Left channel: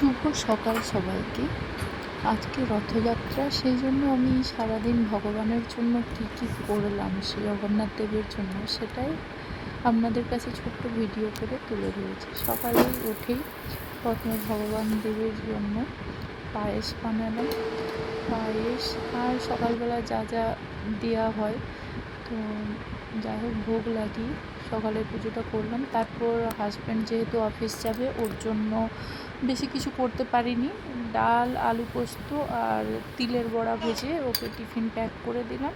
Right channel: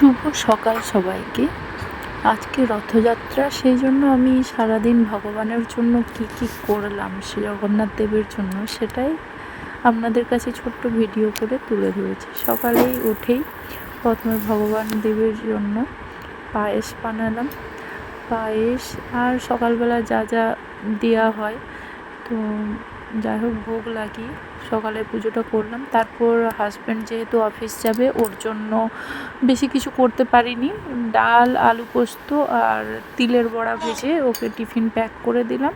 শুভ সকাল সবাইকে। আজকে রথযাত্রা, সেই জন্য আমি সারাদিন ভগবানের জন্য কি কি করলাম শ্রী জগন্নাথ দেবের জন্য সেটাই আপনাদের কাছে ছোট্ট ভিডিও করে তুলে ধরেছি। সকালেই উঠেই প্রথমে ভগবান দেবের জন্য পায়েস বানালাম। পায়েস আর সকালবেলা যা যা দেওয়া হয়, তো যাই হোক ভোগ লাগিয়ে সকালে পুজোটা করলাম। তারপর হাজব্যান্ড যেহেতু অফিস যাবে, ওর জন্য বেশি কিছু করতে পারিনি। ডাল, আলু পোস্ত আর তিলের বড়া ভেজে ওকে টিফিন প্যাক করে দিলাম,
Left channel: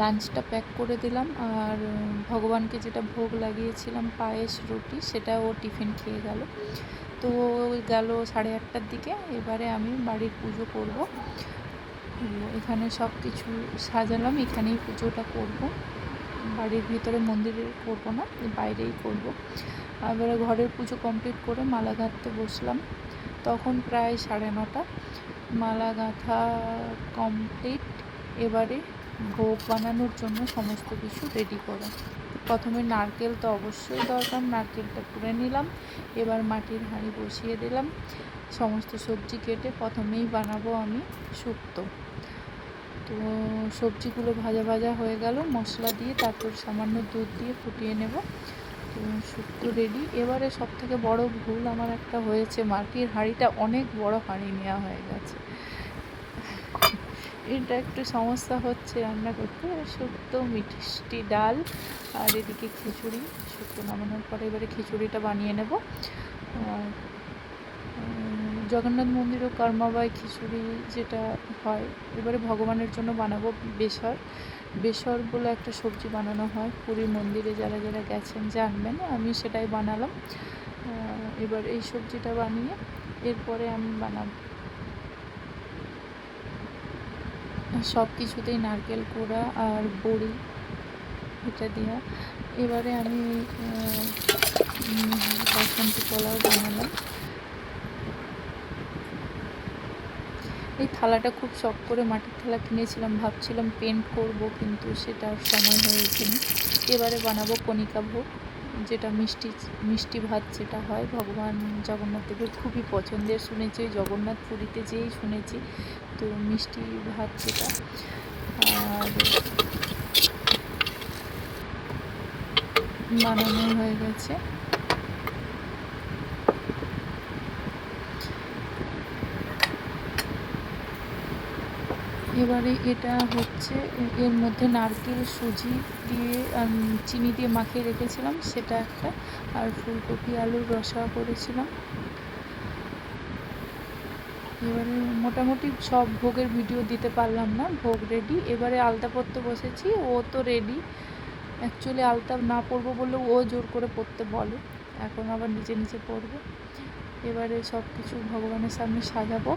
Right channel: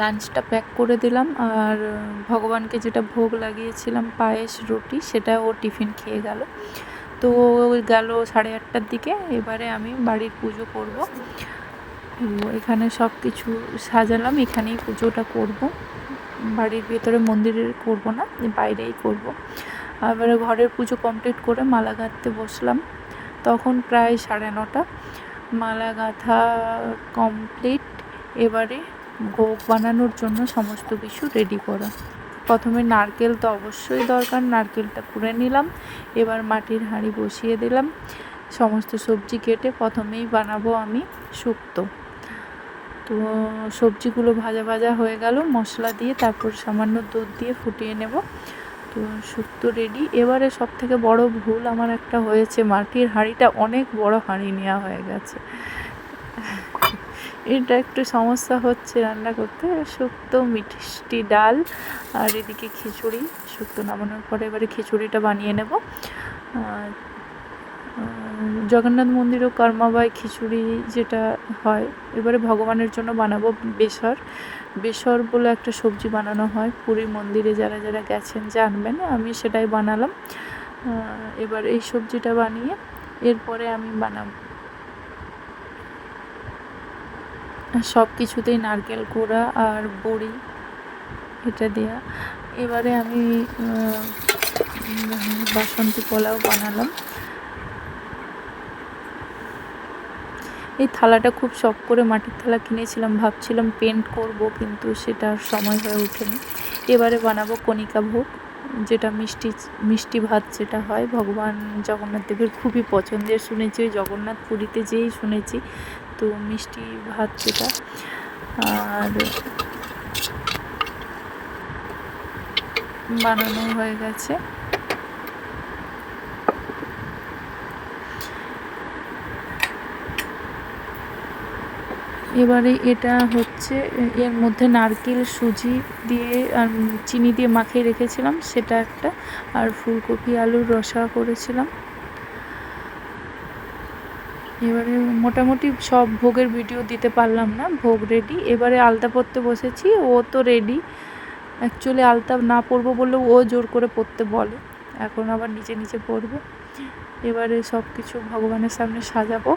লাঞ্চটা প্যাক করে দিলাম। আর ভগবানকে যেটা ভোগ লাগিয়েছিলাম পায়েস রুটি, সেটা ও টিফিন খেয়ে গেল। তো গেল 8:30টার দিকে। এবারে আমি বাড়ির পুজো করব। এখানে সব কিছু সাজালাম, এখানেই পুজোটা করব। বাড়ির ভেতরে মন্দিরে করব না, বাইরেই করব। এবারে ঘরের পুজো কমপ্লিট করে মালা গাঁথতে বসলাম। তখন প্রায় 9:30। মালা গাঁথা কমপ্লিট। এবারে ভোগ বানানোর জন্য সমস্ত কিছু রেডি করা। প্রথমে নারকেল তো অবশ্যই দরকার, নারকেলটা কুড়ে নিলাম। এবার মাটির হাঁড়ি বসিয়ে দিলাম। সমস্ত সবজি কেটে প্রথমেই বানাবো আমি শুক্তো। তো সবজিগুলো ভাজা ভাজা হয়ে গেল মশলা দিয়ে, তারপর সামান্য দুধ দিয়ে ফুটিয়ে নেব। তো শুক্তো রেডি। এবারে সব থেকে বড় ভুল আমার একটা হয়েছে, মাটির হাঁড়িটা অনেক বড় হাঁড়ি নেওয়া হয়ে গেছে। এটা একটু সমস্যা হচ্ছে রান্না করতে। শুক্তো, মিষ্টি ডাল আর এদিকে খিচুড়ি। শুক্তো নামানোর পরে এবারে খিচুড়িটা বানিয়ে নেব। জগন্নাথ মন্দিরও কর্মাবাই খিচুড়ি যেটা হয়, এবারে ভগবানের জন্য বানাবো বেসর। বেসর বলে একটা সবজি বানানো হয়, পুরী মন্দিরে যারা যারা গেছেন জানবেন। আমি সেটাই বানালাম। এবার এই সবজিটা বানিয়ে এরপরে আমি বানাবো সব কিছুতেই নারকেল কোড়া আর বড়ি এটা দেওয়া। এবারে আমি বাসন্তী পোলাও বানালাম। এই থালাটা খুব শখ করে মাটির থালা কিনেছিলাম, ভাবছিলাম পেন্ট করব, কিন্তু সেটা আর সময় হয়ে ওঠেনি। এবারে বানাবো কণিকা ভোগ, যেটা মিষ্টি ভাত যেটা হয় ভগবান জগন্নাথ দেবের খুবই পছন্দের। শুনেছি ওই জগন্নাথ পুরীতে যেই শুনেছি, তো মিষ্টি ভাত যেটা। আর বানানো হয়ে গেছে। এবারে এটা হচ্ছে, এর মধ্যে নারকেল, সুজি দিয়ে আর চিনি দিয়ে মাখিয়ে রেখেছিলাম, সেটা একটা। আর ফুলকপি আলুর রসা করেছিলাম। এবারে মোটামুটি সব ভোগের ভিডিও দিতে পারলাম না। ভোগ রেডি। এবারে আলতা পরতে বসেছি। ও তো রেডি। অ্যাকচুয়ালি আলতা না পরবো বললেও ও জোর করে পরতে বলে, এখন আবার নিচে নিচে পরবে। এবারে সব কিছু ভগবানের সামনে সাজাবো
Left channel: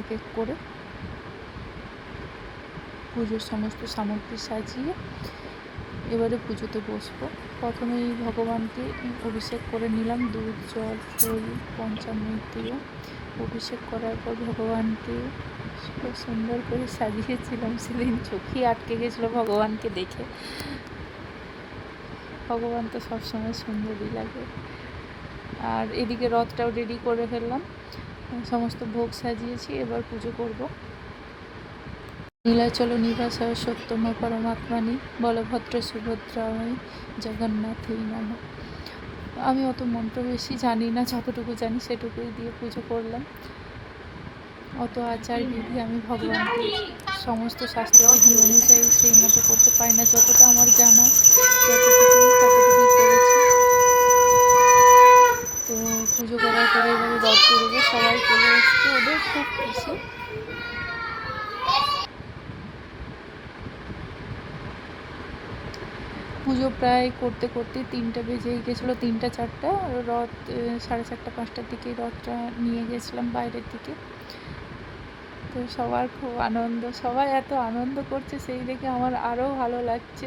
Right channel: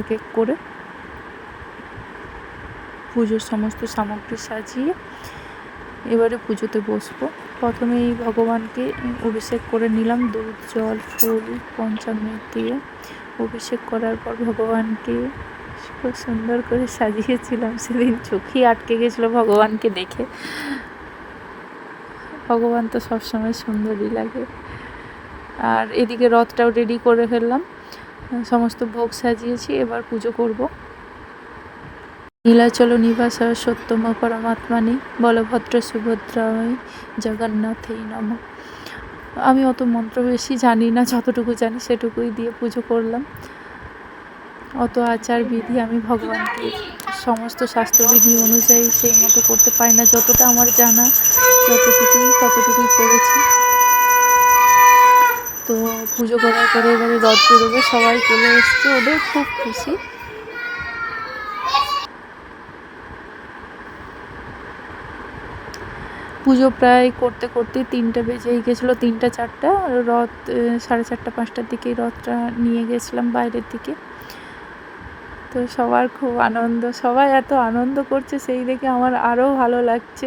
এক এক করে। পুজোর সমস্ত সামগ্রী সাজিয়ে এবারে পুজোতে বসবো। প্রথমেই ভগবানকে অভিষেক করে নিলাম, দুধ, জল, ফুল, পঞ্চামৃত দিয়ে অভিষেক করার পর ভগবানকে খুব সুন্দর করে সাজিয়েছিলাম। সেদিন চোখেই আটকে গেছিলো ভগবানকে দেখে। ভগবান তো সবসময় সুন্দরই লাগে। আর এদিকে রথটাও রেডি করে ফেললাম, সমস্ত ভোগ সাজিয়েছি। এবার পুজো করব। নীলাচল নিবাস সত্যম পরমাত্মানি বলভদ্র সুভদ্রায় জগন্নাথেই নমঃ। আমি অত মন্ত্র বেশি জানি না, যতটুকু জানি সেটুকুই দিয়ে পুজো করলাম। অত আচার বিধি আমি ভগবানকে সমস্ত শাস্ত্রবিধি অনুযায়ী সেই মতো করতে পারি না। যতটা আমার জানা ততটুকুই করেছি। তো পুজো করার পরে এবারে রথ বেরোবে, সবাই চলে এসছে, ওদের খুব খুশি। পুজো প্রায় করতে করতে 3টা বেজে গেছিলো, 3টা 4টা। রথ 4:30 5টার দিকেই রথটা নিয়ে গেছিলাম বাইরের দিকে। তো সবার খুব আনন্দ, সবাই এত আনন্দ করছে সেই দেখে আমার আরও ভালো লাগছে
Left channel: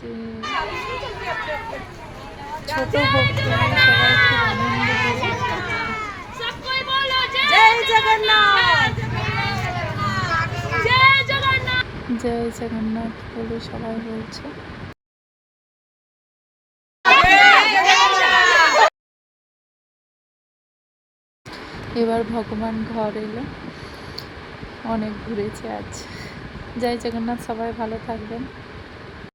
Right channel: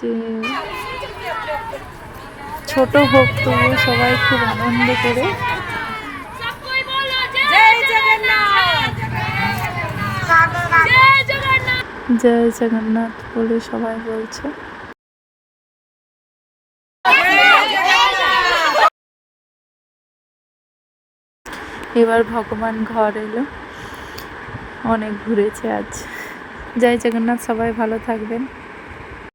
যে ছোট হোক তবু সবাই খুব আনন্দ করে জয় জগন্নাথ বলে সবাই বলছে। এবার ভগবান ঘর এলো, অনেক ঘুরেছে আজ। জয় জগন্নাথ, সবাই ভালো থাকবেন।